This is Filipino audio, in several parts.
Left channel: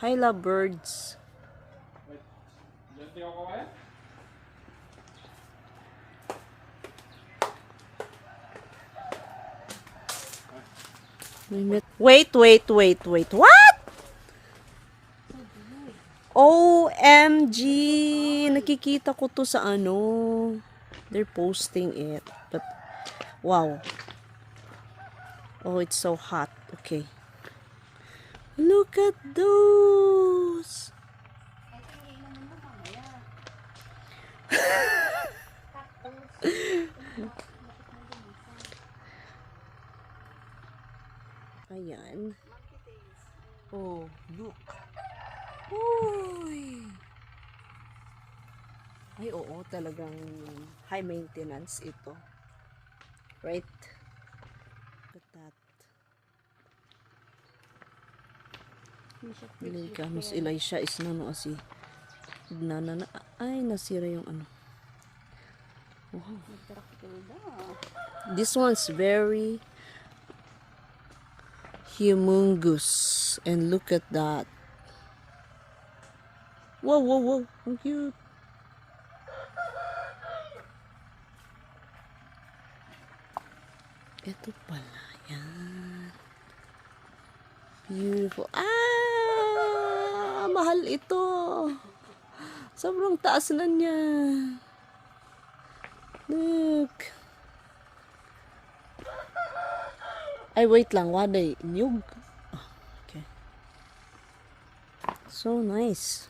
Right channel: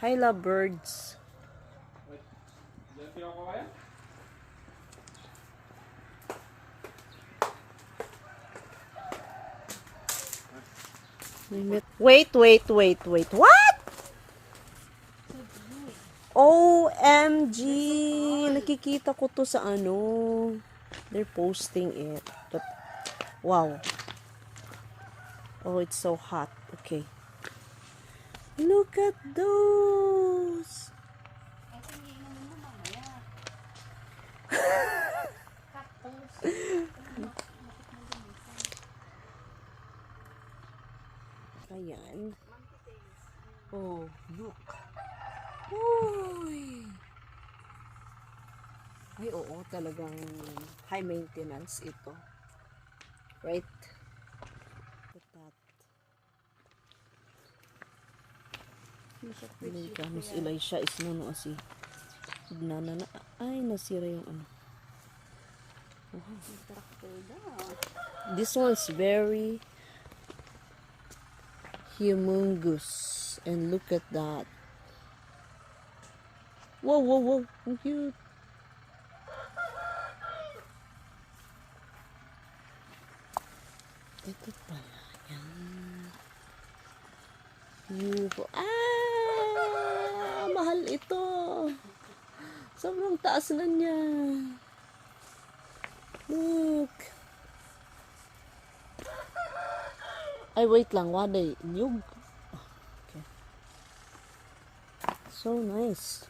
Hi, love birds. Wait. What? OMG! Nakikita ko to sa ano. They're posting it. Wow. Oh, it's so hot. Okay. Look at those. Ayan. Oh, look. Uy. Ay, oo, talagang high maintenance ito. Right? Look at that. Mas Elisha is na si ay nasira yung ano. Wow. This one's very humongous, and look at that. Whoa, how cute. Ito pala yan. Beautiful. Mahal ito. Sobrang taas na niya. Look. Ay, wait lang. Waday. Nyug. Okay. So nice.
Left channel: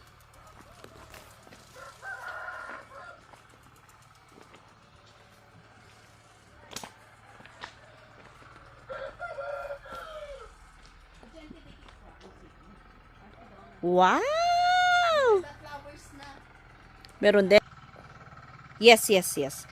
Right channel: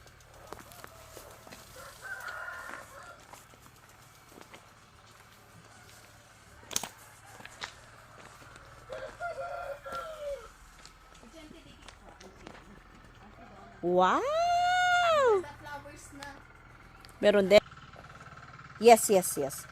Wow! Meron din. Yes.